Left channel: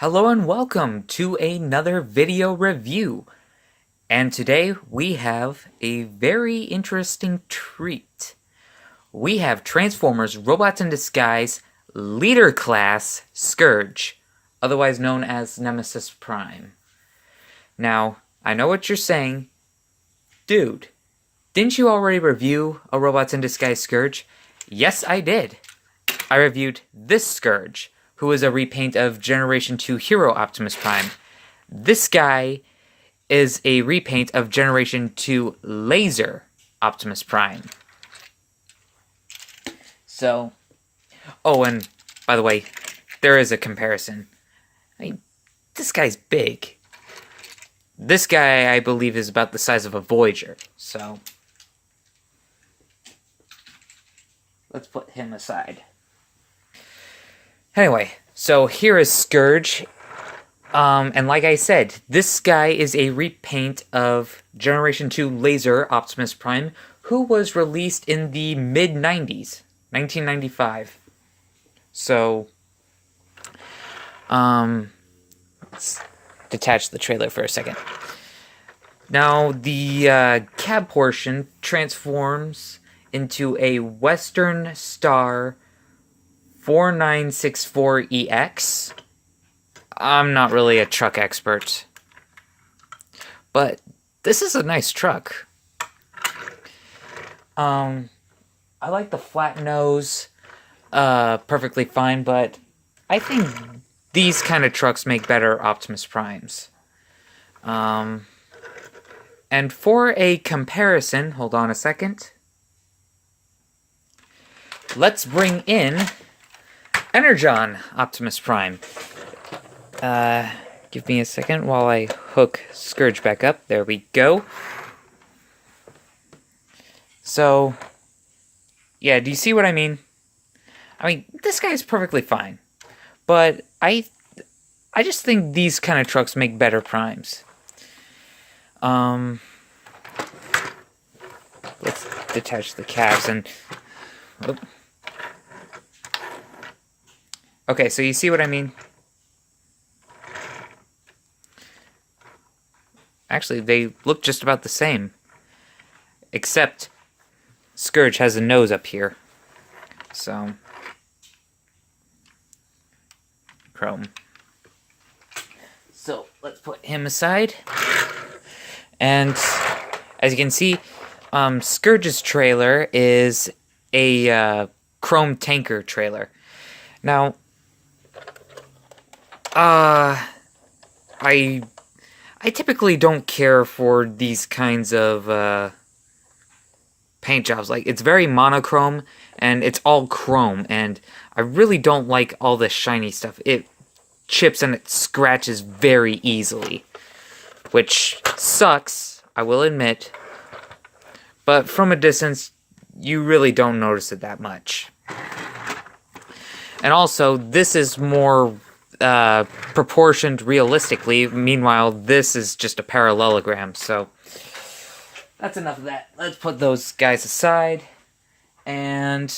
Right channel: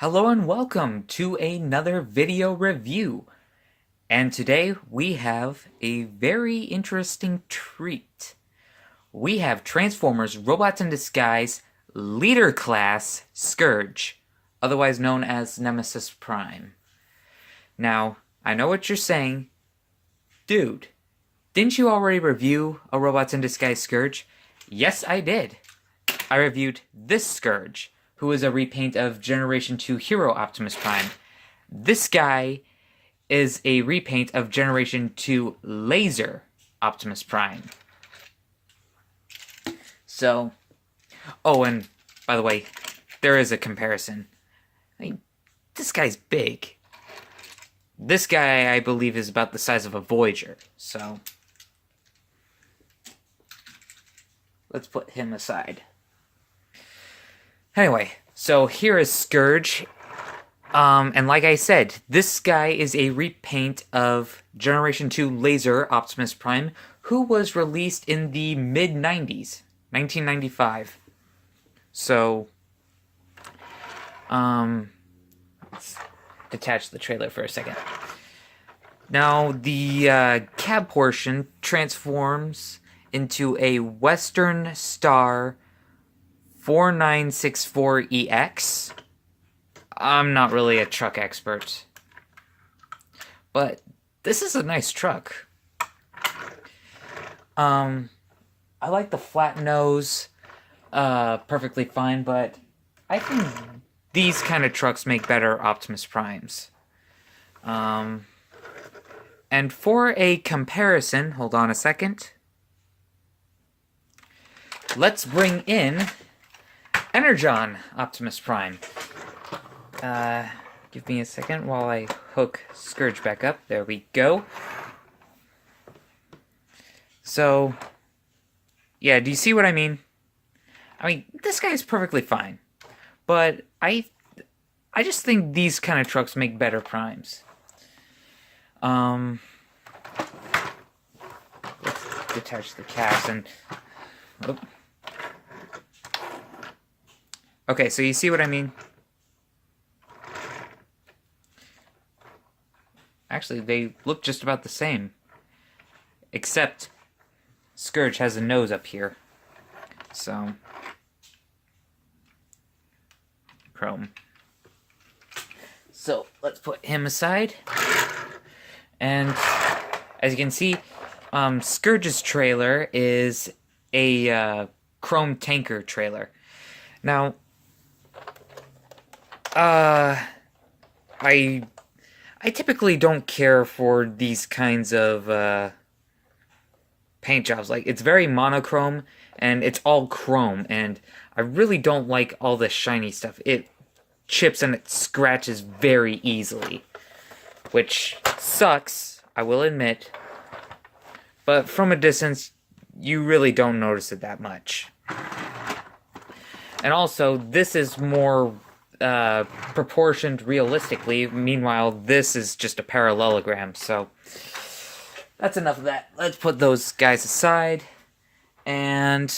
Hello and welcome to another video review. And today we have a very interesting treat. We have Transformers Robots in Disguise Leader Class Scourge, otherwise known as Optimus Prime. Now, I know what you're saying. Dude, didn't you already review a Robots in Disguise Scourge? Yes, I did. I reviewed this Scourge, who is a repaint of Generation 2 Hero Optimus Prime. This guy is a repaint of Generation 2 Laser Optimus Prime. So, oh, and by the way, there is a comparison. I mean, this guy's big. This guy, I believe, is about the size of a Voyager, so let's put him aside. Anyway, so here is Scourge, and like I said, this guy is a repaint of Generation 2 Laser Optimus Prime, who was released in the mid-90s, 1995. So, let's detach the trailer for a second. Now, the cab portion transforms into a Western Star 4964EX. I'm not really a truck expert, but this is a nice truck. I like the flat nose perfectly fine, but I think these kind of trucks make better Optimus Primes. And for a comparison, hold on a second. Let's bring in Energon Optimus Prime. Give me a second while I hook Scourge back up. There we go. So, yeah, do you see what I mean? I mean, this guy's perfectly fine. But I just think these kind of trucks make better Primes. Let's detach the cabs and... Oh. Okay, so you see what I mean? Actually, they look just about the same. Except Scourge has a nose up here. So, chrome. So, let's put him aside. And as you can see, Scourge's trailer is a chrome tanker trailer. Now, I typically don't care for these kinds of paint jobs. Like, it's very monochrome, and it's all chrome, and I really don't like all this shiny stuff. It chips and it scratches very easily, which sucks, I will admit, but from a distance, you really don't notice it that much. And also, this is more proportioned realistically. Meanwhile, this is just a parallelogram, so that's enough of that. Let's put those guys aside, and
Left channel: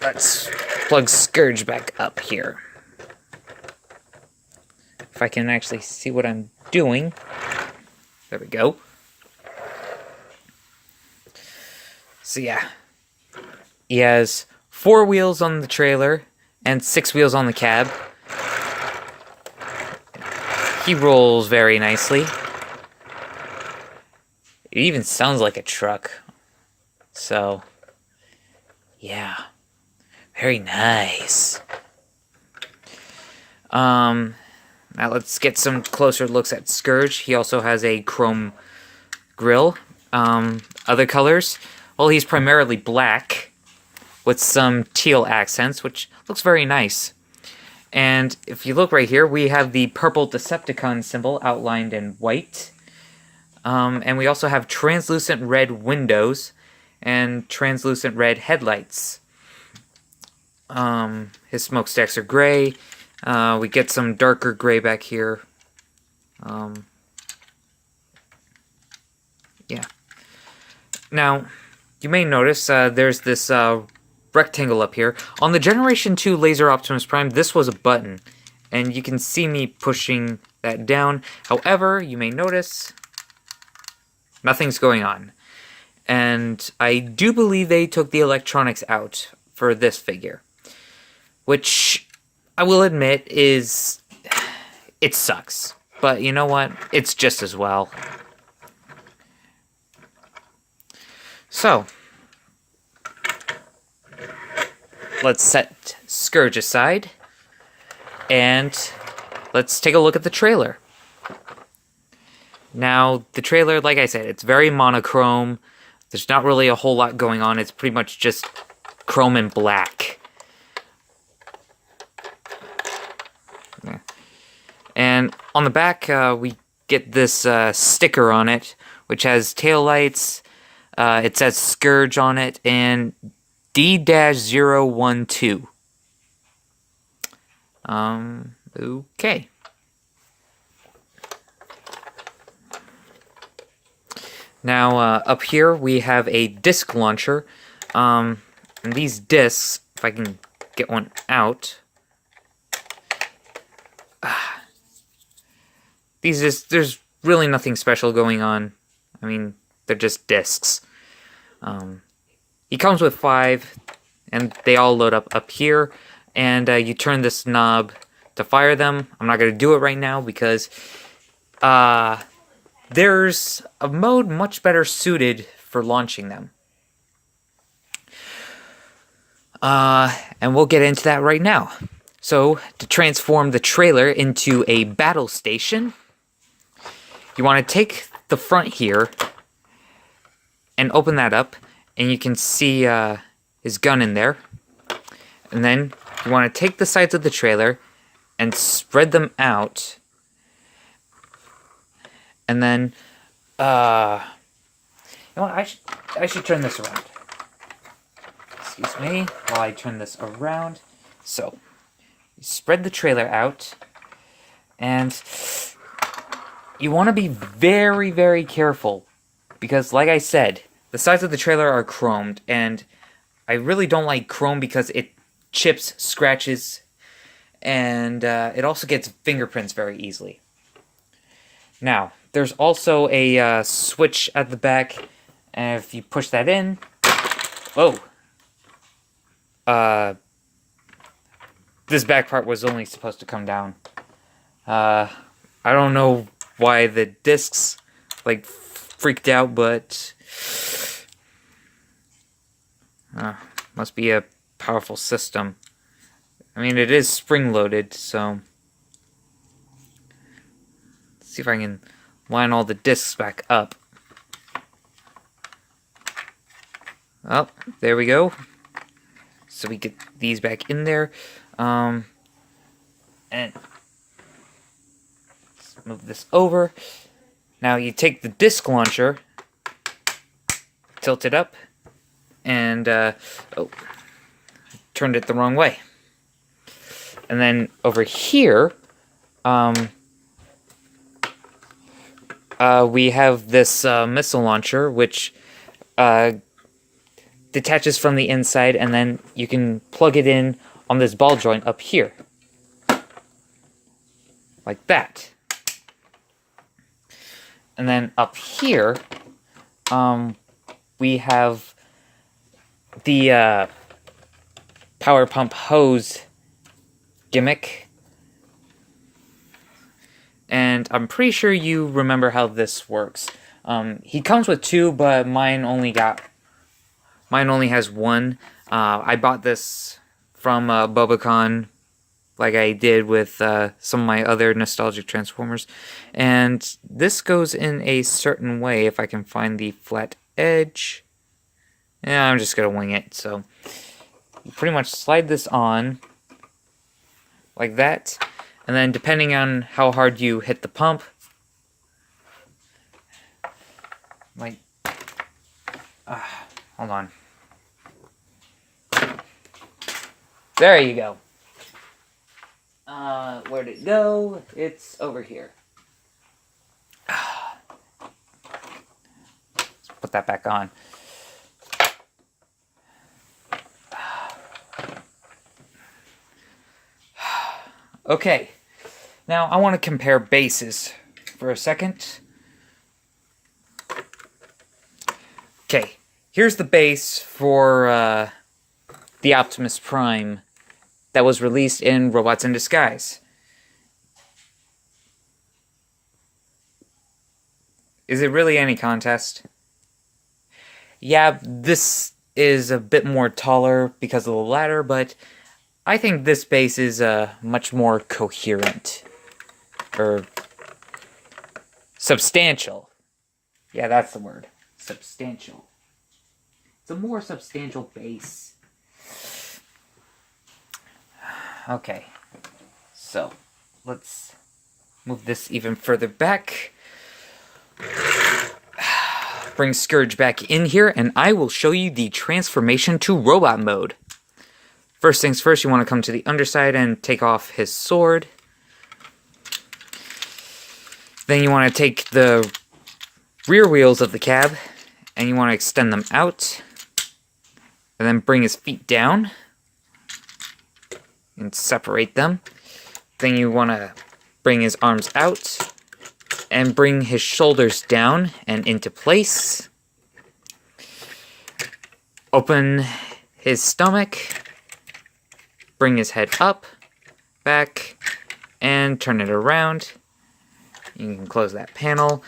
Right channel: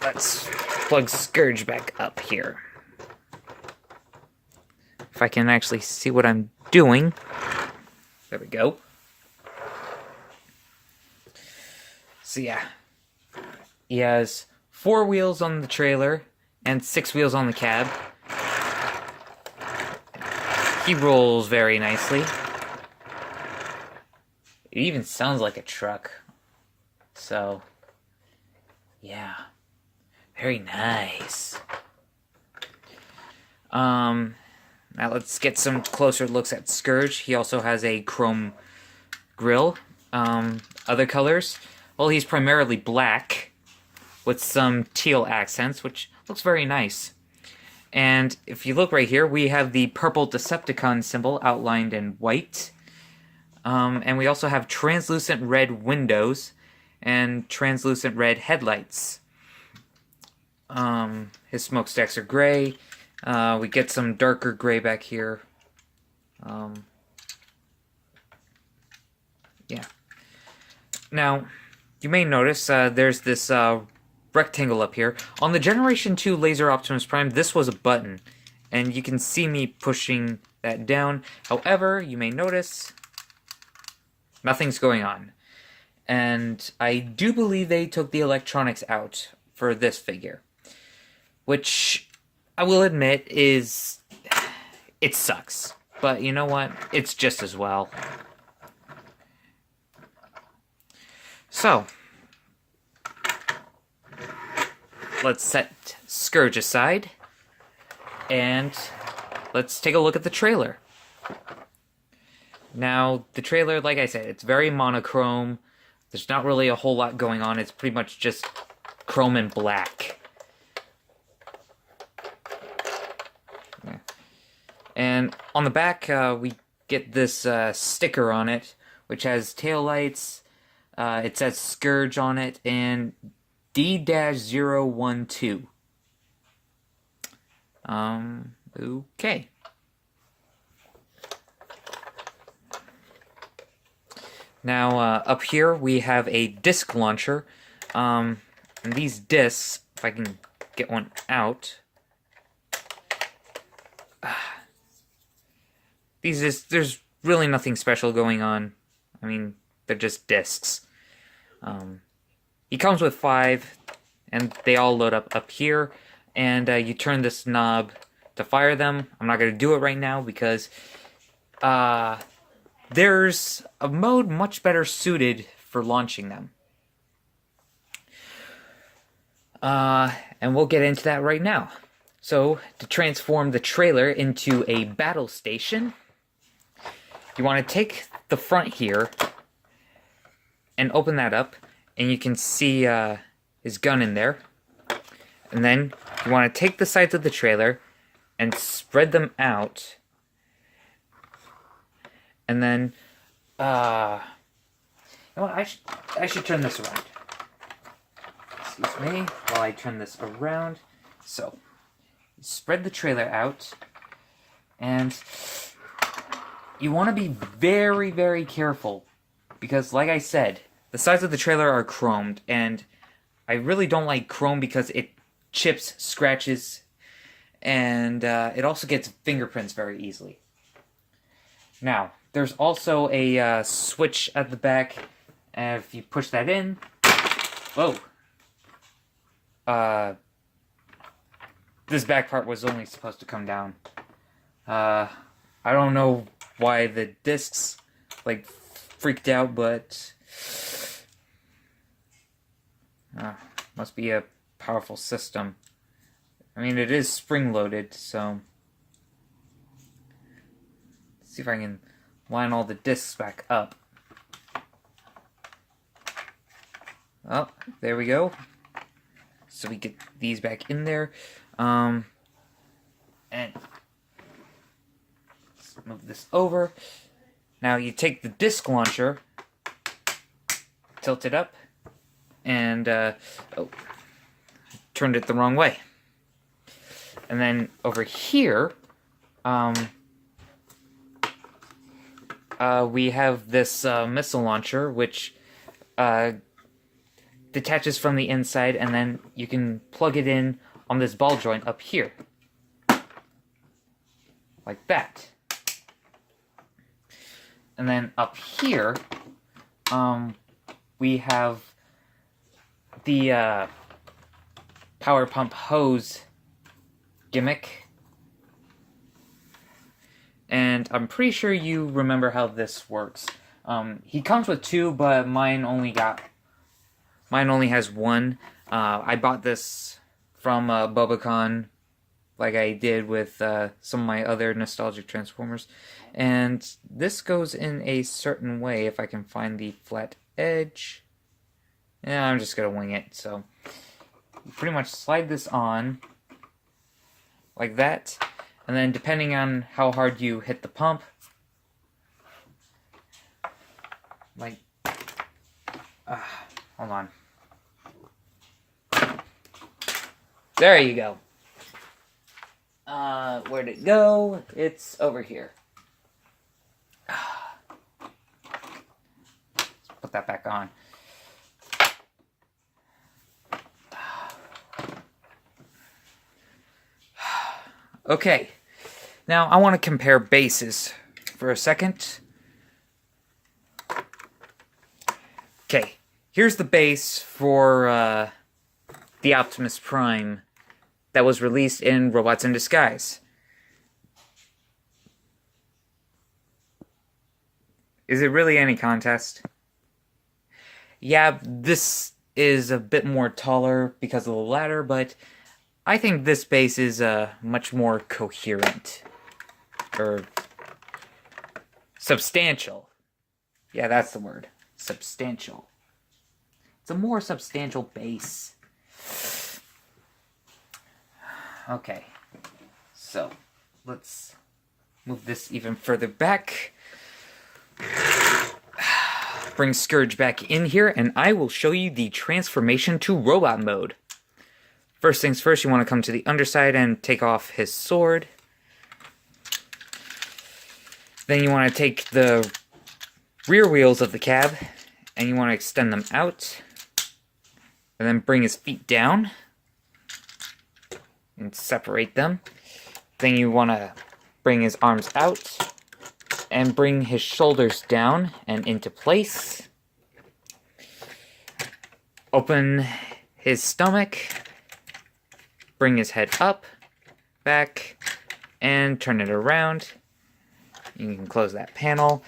let's plug Scourge back up here. If I can actually see what I'm doing. There we go. So yeah, he has 4 wheels on the trailer and 6 wheels on the cab. He rolls very nicely. It even sounds like a truck. So, yeah. Very nice. Now let's get some closer looks at Scourge. He also has a chrome grille. Other colors? Well, he's primarily black with some teal accents, which looks very nice. And if you look right here, we have the purple Decepticon symbol outlined in white. And we also have translucent red windows and translucent red headlights. His smokestacks are gray. We get some darker gray back here. Yeah. Now, you may notice there's this rectangle up here. On the Generation 2 Laser Optimus Prime, this was a button. and you can see me pushing that down. However, you may notice nothing's going on. And I do believe they took the electronics out for this figure, which I will admit is, it sucks. But you know what? It's just as well. So, let's set Scourge aside, and let's take a look at the trailer. Now, the trailer, like I said, it's very monochrome. There's not really a whole lot going on. It's pretty much just chrome and black. Yeah. And on the back, we get this sticker on it, which has taillights. It says Scourge on it, and D-012. Okay. Now, up here, we have a disc launcher. And these discs, if I can get one out. There's really nothing special going on. I mean, they're just discs. He comes with 5, and they all load up here. And you turn this knob to fire them. I'm not going to do it right now because there's a mode much better suited for launching them. And we'll get into that right now. So, to transform the trailer into a battle station, you want to take the front here and open that up, and you can see his gun in there. And then you want to take the sides of the trailer and spread them out. And then, you know what, I should turn this around. Excuse me, while I turn this around. So, you spread the trailer out, and you want to be very, very careful, because like I said, the sides of the trailer are chromed, and I really don't like chrome because it chips, scratches, and it also gets fingerprints very easily. Now, there's also a switch at the back, and if you push that in, whoa, this back part was only supposed to come down. I don't know why the discs, like, freaked out, but must be a powerful system. I mean, it is spring-loaded, so let's see if I can line all the discs back up. Oh, there we go. So we get these back in there. And let's move this over. Now you take the disc launcher, tilt it up, and oh, turned it the wrong way. And then over here, we have this missile launcher, which detaches from the inside, and then you can plug it in on this ball joint up here. Like that. And then up here, we have the power pump hose gimmick. And I'm pretty sure you remember how this works. He comes with 2, but mine only has 1. I bought this from Bobacon, like I did with some of my other nostalgic Transformers. And this goes in a certain way, if I can find the flat edge. Yeah, I'm just going to wing it. So, you pretty much slide this on, like that. And then, depending on how hard you hit the pump, like, hold on. There you go. Where'd it go? It's over here. Let's put that back on. Okay, Now, I want to compare bases for a second. Okay, here's the base for the Optimus Prime that was released in Robots in Disguise. Is it really any contest? Yeah, this is a bit more taller because of the ladder, but I think this base is much more coherent. Or substantial. Yeah, that's the word. Substantial. It's a more substantial base. Okay, so let's move this even further back. Bring Scourge back in here, and I will show you the transformation to robot mode. First things first, you want to come to the underside and take off his sword. Then you want to take the rear wheels of the cab, and you want to extend them out. And then bring his feet down. And separate them. Then you want to bring his arms out. And bring his shoulders down and into place. Open his stomach. Bring his head up, back, and turn it around. You can close that panel,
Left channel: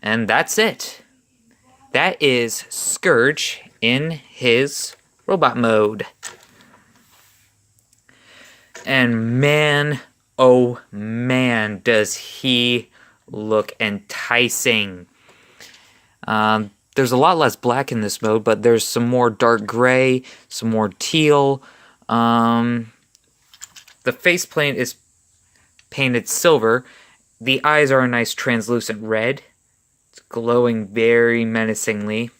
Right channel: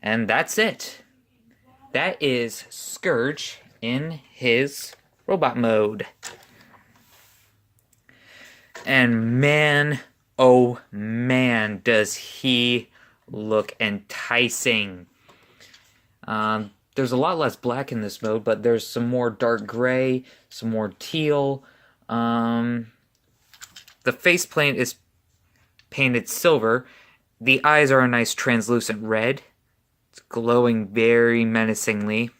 and that's it. That is Scourge in his robot mode. And man, oh man, does he look enticing. There's a lot less black in this mode, but there's some more dark gray, some more teal. The faceplate is painted silver. The eyes are a nice translucent red. It's glowing very menacingly.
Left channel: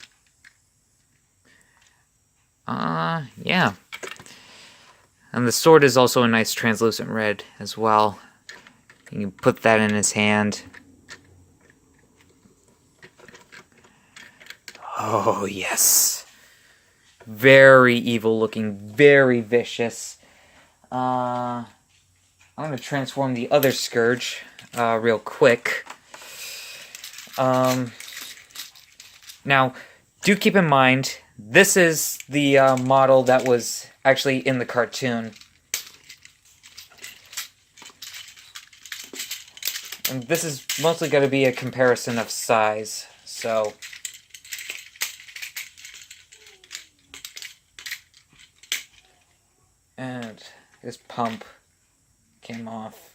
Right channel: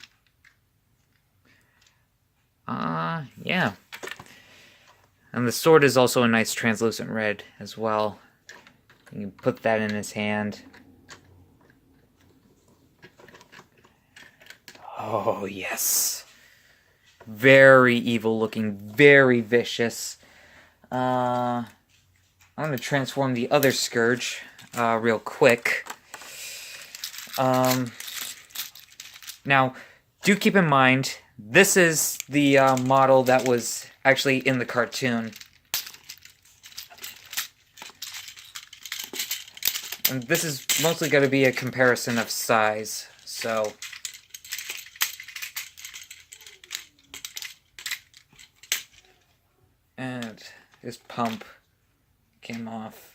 Yeah. And the sword is also a nice translucent red as well. You can put that in his hand. Oh, yes. Very evil looking, very vicious. I'm going to transform the other Scourge real quick. Now, do keep in mind, this is the model that was actually in the cartoon. And this is mostly going to be a comparison of size, so... And his pump came off.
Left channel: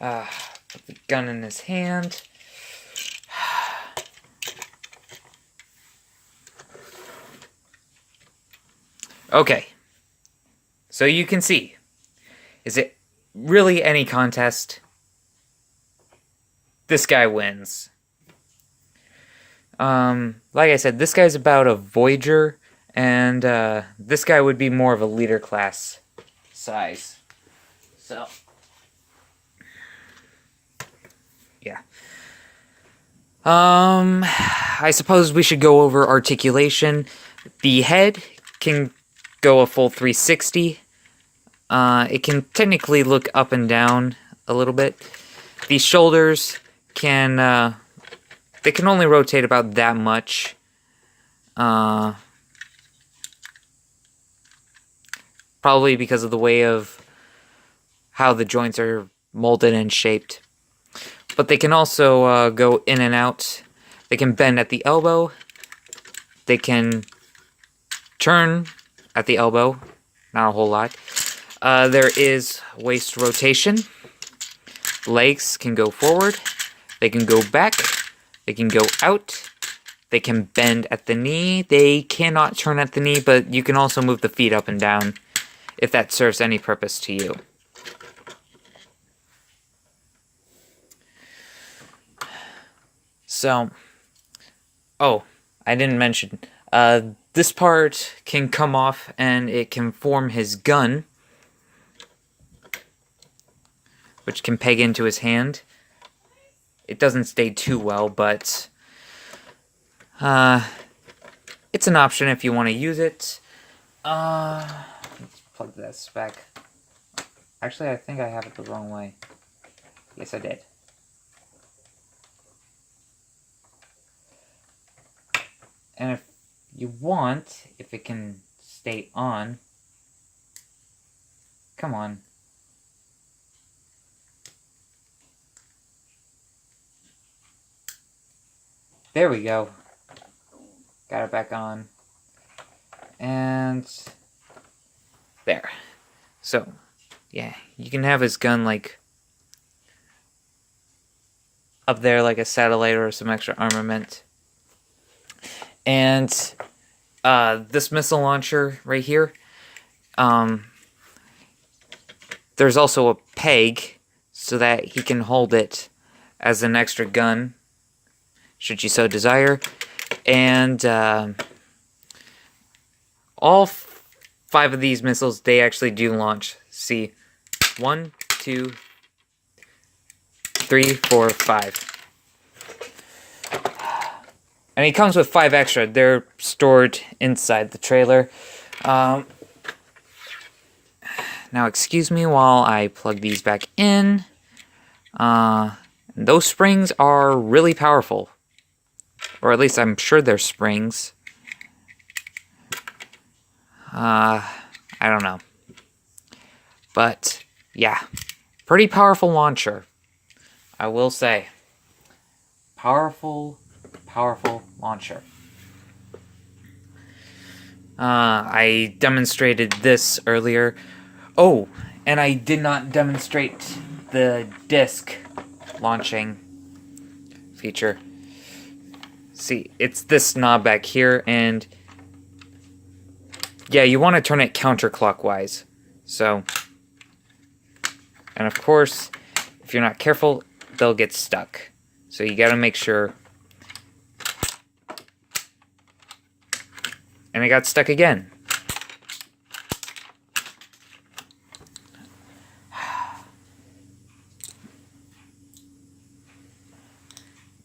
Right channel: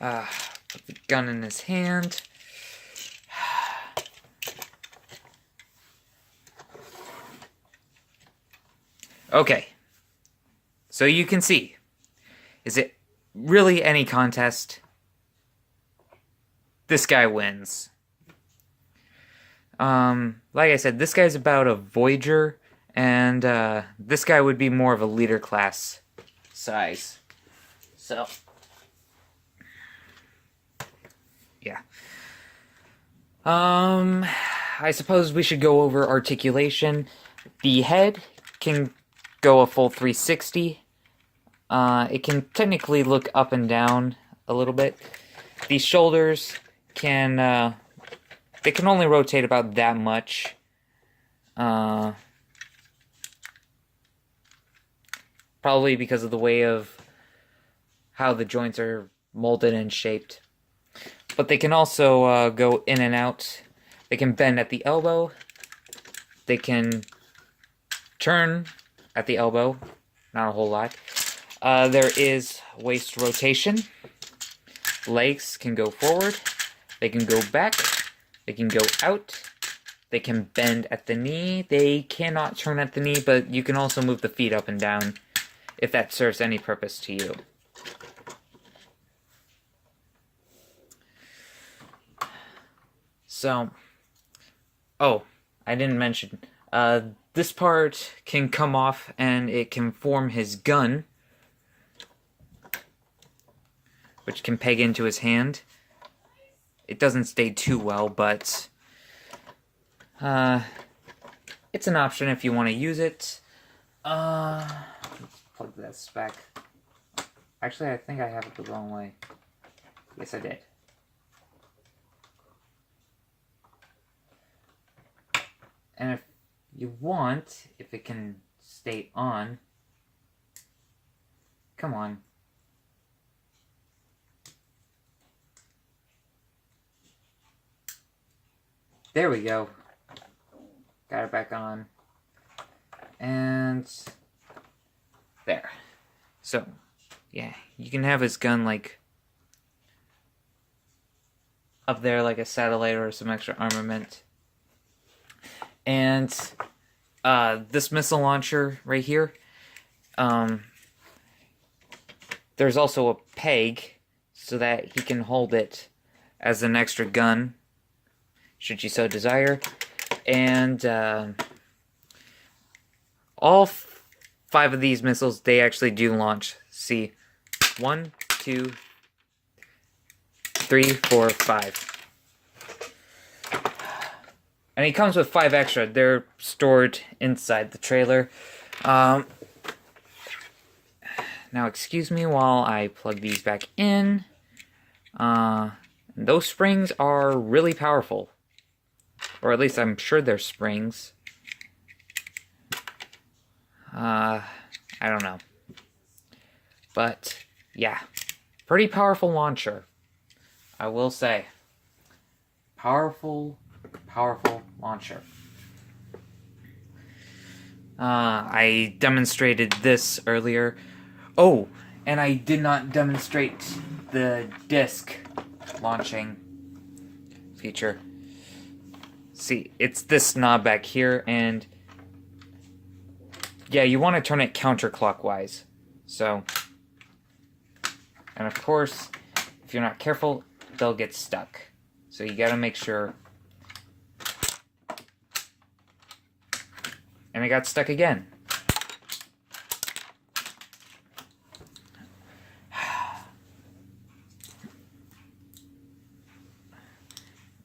Put the gun in his hand. Okay. So you can see. Is it really any contest? This guy wins. Like I said, this guy's about a Voyager, and this guy would be more of a leader class size. So, yeah. I suppose we should go over articulation. The head can go a full 360. It can technically look up and down a little bit. The shoulders can, they can only rotate about that much. Probably because of the way of how the joints are molded and shaped. But they can also go in and out. They can bend at the elbow. They can turn at the elbow. Not a whole lot. There is waist rotation. Legs can go forward. They can go back. They can go out. They can bend at the knee. They cannot turn at the knee, but you can also move the feet up and down if that serves any purpose to you. So, oh, I didn't mention, this part can come off and it can form his gun, which can peg into his hand. It doesn't stay too well, but it's an option if you want to use it. Let's plug this back. Actually, I think I have it the wrong way. Yes, I did. And if you want, if it can stay on, come on. There we go. Got it back on. And there. So, yeah, you can have his gun like up there like a satellite or some extra armament. And this missile launcher right here, there's also a peg so that he can hold it as an extra gun, should you so desire. And all 5 of these missiles, they actually do launch. See, 1, 2, 3, 4, 5. And he comes with 5 extra. They're stored inside the trailer. Now, excuse me while I plug these back in. Those springs are really powerful. Or at least I'm sure they're springs. I don't know. But, yeah. Pretty powerful launcher. I will say. Powerful launcher. I demonstrated this earlier. Oh, and I did not demonstrate the disc launching feature. See, it's this knob back here, and yeah, you want to turn it counterclockwise. So, and of course, if you're not careful, they'll get stuck. So you gotta make sure. And it got stuck again.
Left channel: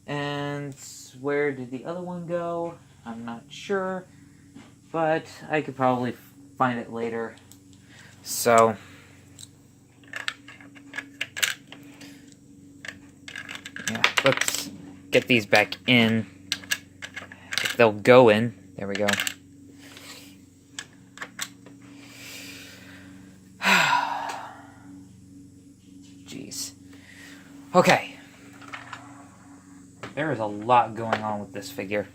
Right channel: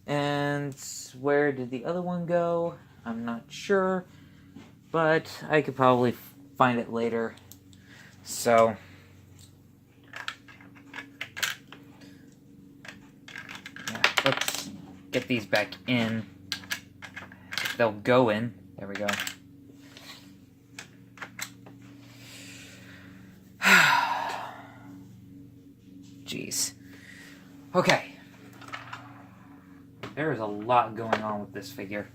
And where did the other one go? I'm not sure, but I could probably find it later. So, yeah, let's get these back in. If they'll go in. There we go. Jeez. Okay. There is a lot going on with this figure.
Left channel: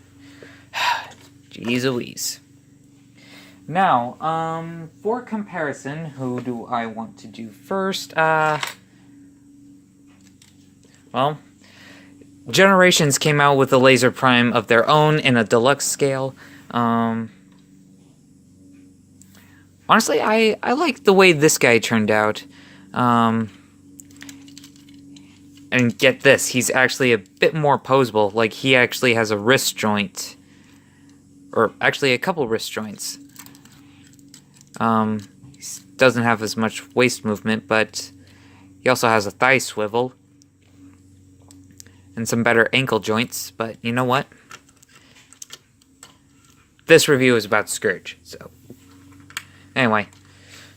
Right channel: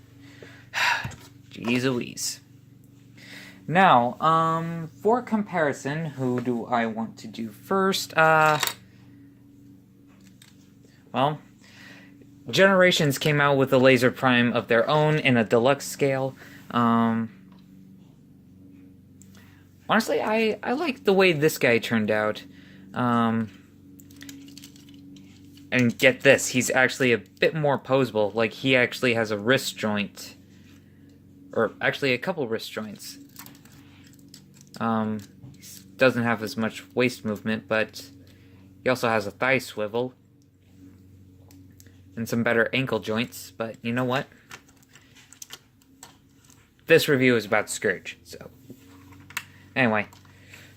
Jeez Louise. Now, for comparison, who do I want to do first? Well, Generations came out with a Laser Prime of their own in a deluxe scale. Honestly, I like the way this guy turned out. And get this, he's actually a bit more posable. Like, he actually has a wrist joint. Or, actually, a couple wrist joints. Doesn't have as much waist movement, but he also has a thigh swivel. And some better ankle joints, but you know what? This review is about Scourge, so... Anyway,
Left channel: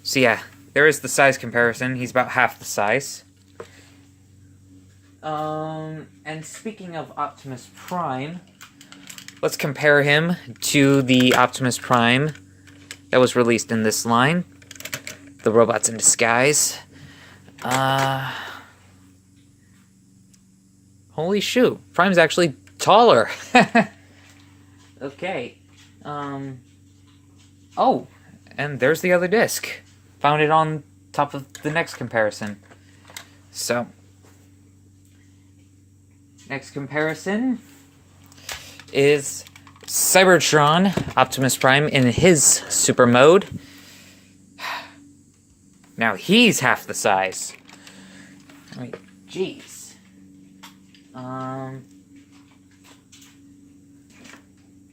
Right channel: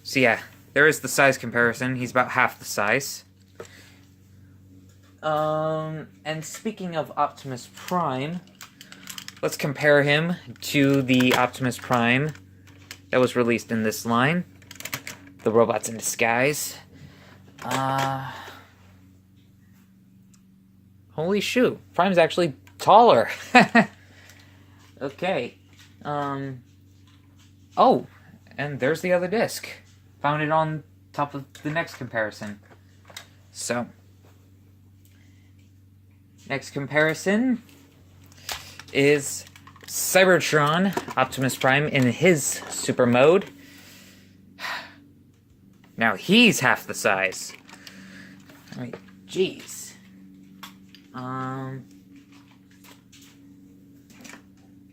so yeah, there is the size comparison. He's about half the size. And speaking of Optimus Prime, let's compare him to the Optimus Prime that was released in this line, the Robots in Disguise. Holy shoot, Prime's actually taller. Okay. Oh, and there's the other disc. Found it on top of the next comparison. So, next comparison is Cybertron Optimus Prime in his super mode. Now he's half the size. I mean, jeez.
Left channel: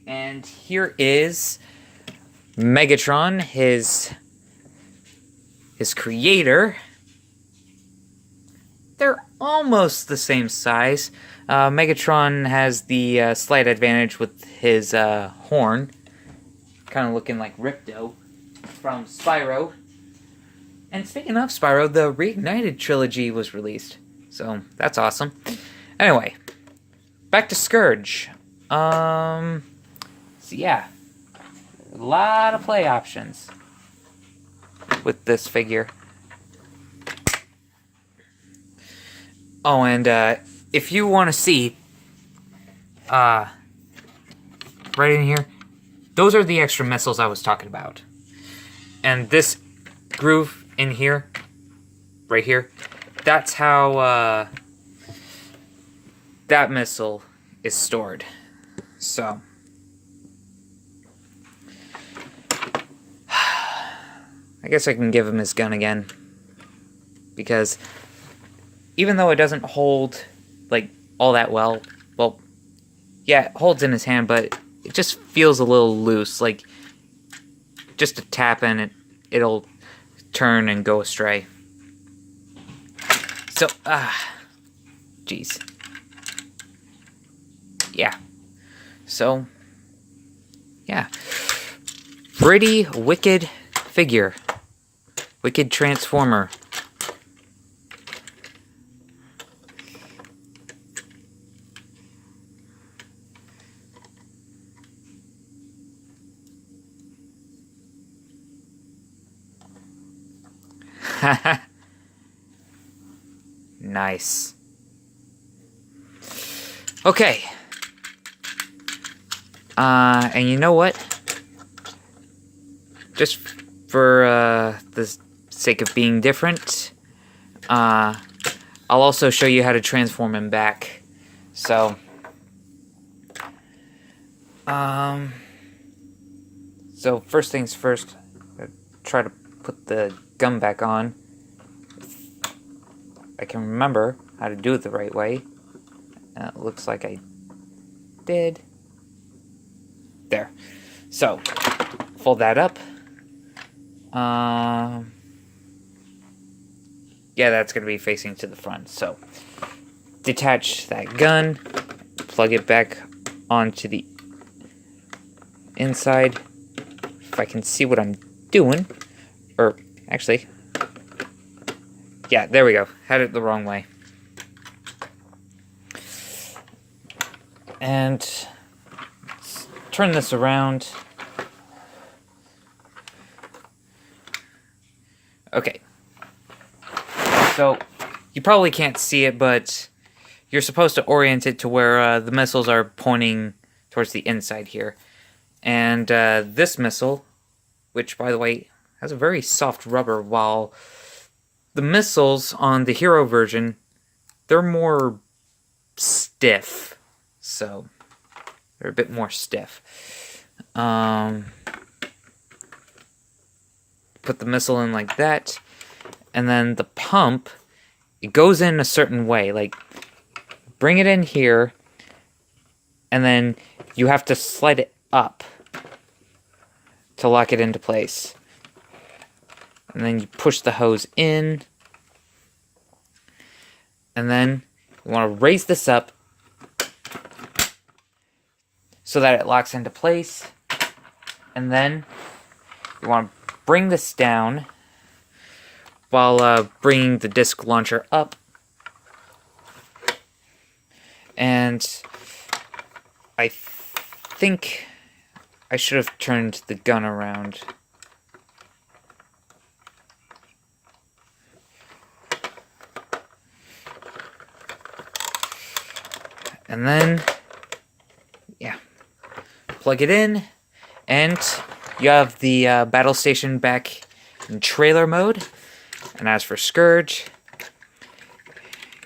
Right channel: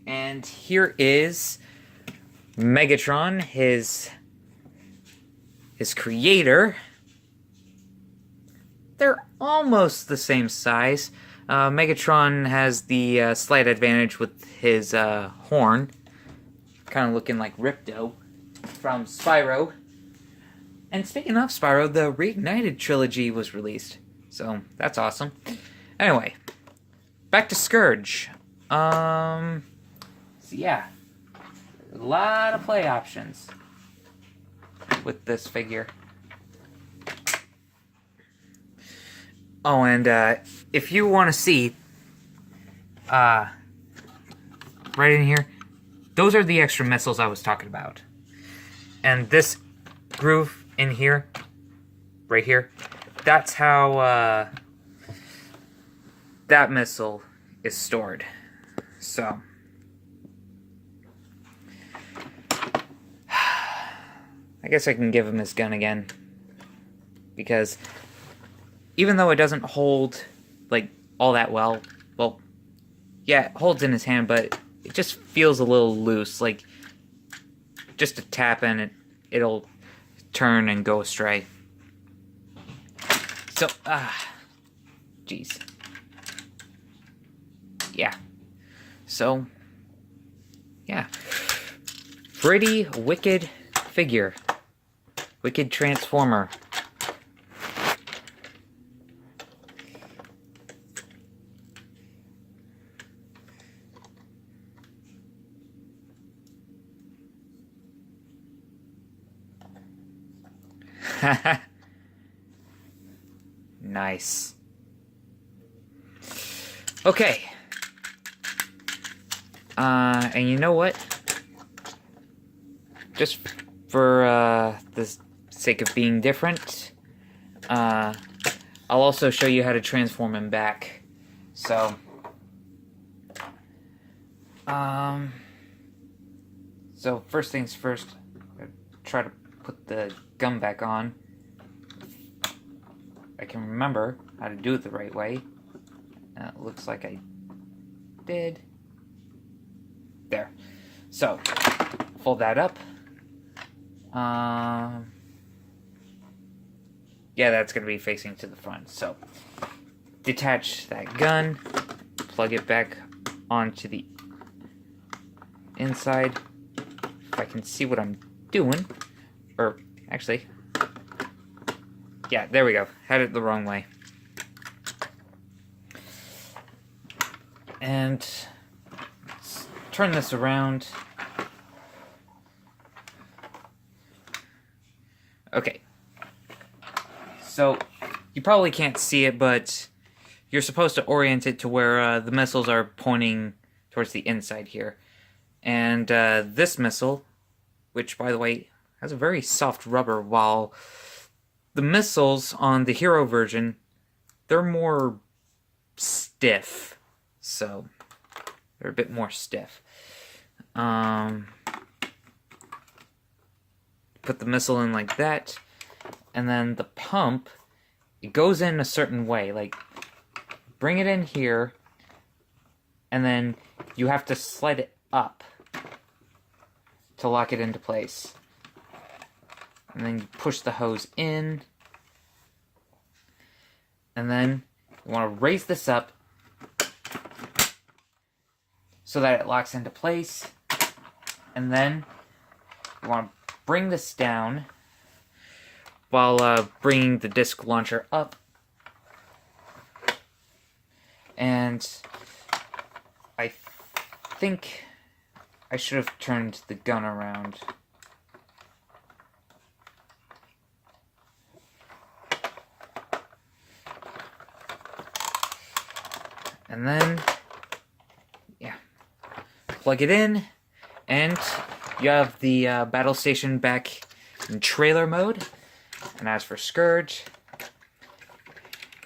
And here is Megatron, his creator. They're almost the same size. Megatron has the slight advantage with his horn, kind of looking like Ripto. from Spyro. And speaking of Spyro, the Reignited trilogy was released. So, that's awesome. Anyway, back to Scourge. So yeah, a lot of play options with this figure. Oh, and if you want to see, right in here, those are the extra missiles I was talking about. And this groove in here, right here, that's how that missile is stored. So, I guess I can give him his gun again. Because even though it doesn't hold, like, all that well, yeah, it holds in his hand, but it just feels a little loose. Like, just a tap and it'll turn and go astray. So, jeez. Yeah. So, yeah. Pretty wicked figure. Wicked Transformer. Nice. Okay. And you know what? Just for the sake of being different, I'll also show you how to transform him back. So, so first things first, try to put the gun back on. I can remember how to do it the right way. It looks like I did. There. So, fold that up. Yeah, that's going to be facing to the front. So, detach that gun. Plug it back onto the inside. If I can see what I'm doing. Or, actually... yeah, there we go. Had it the wrong way. And let's turn this around. Okay. So, you probably can't see it, but you're supposed to orient it to where the missiles are pointing towards the inside here. And this missile, which, by the way, has a very soft rubber, while the missiles on the Hero version, they're more stiff. So, they're a bit more stiff. Put the missile in like that. And then the pump, it goes in a certain way. Like, bring it in here. And then you have to slide it up to lock it into place. And then you push the hose in. And then you want to raise this up so that it locks into place. And then you want to bring this down while bringing the disc launcher up. And I think I should have turned the gun around. And then, yeah, plug it in, and you have the battle station back in trailer mode. And as for Scourge,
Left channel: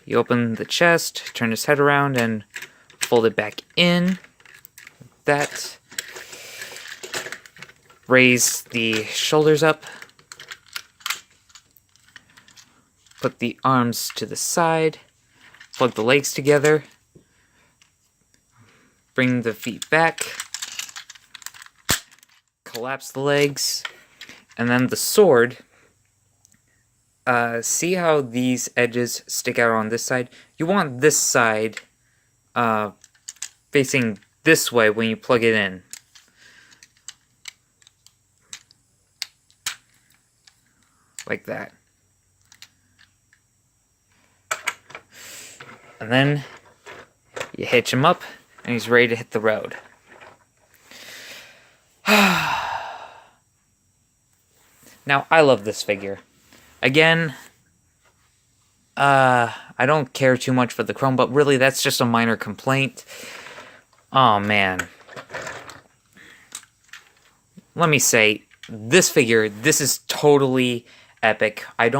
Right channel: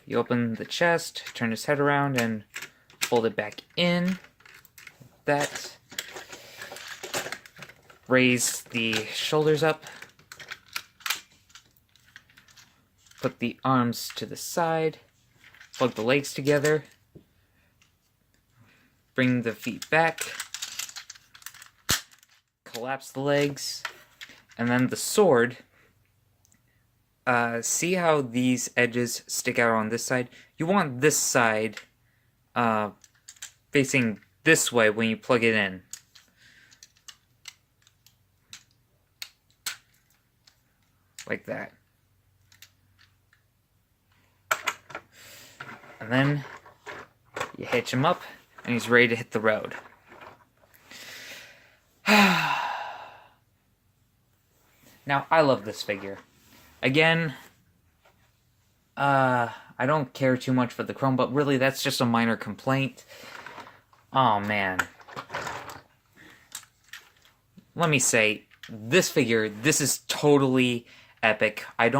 you open the chest, turn his head around, and fold it back in. That. Raise the shoulders up. Put the arms to the side. Plug the legs together. Bring the feet back. Collapse the legs. And then the sword. See how these edges stick out on this side? You want this side facing this way when you plug it in. like that. And then you hitch him up, and he's ready to hit the road. Now, I love this figure. Again, I don't care too much for the chrome, but really, that's just a minor complaint. Oh, man. Let me say, this figure, this is totally epic. I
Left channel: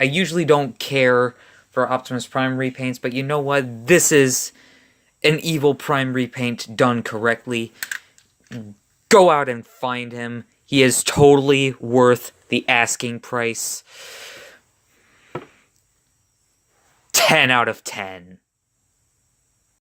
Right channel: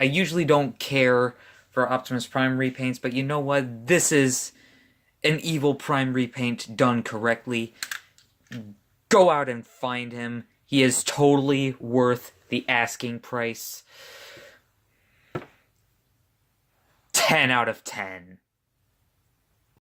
usually don't care for Optimus Prime repaints, but you know what? This is an evil Prime repaint done correctly. Go out and find him. He is totally worth the asking price. 10 out of 10.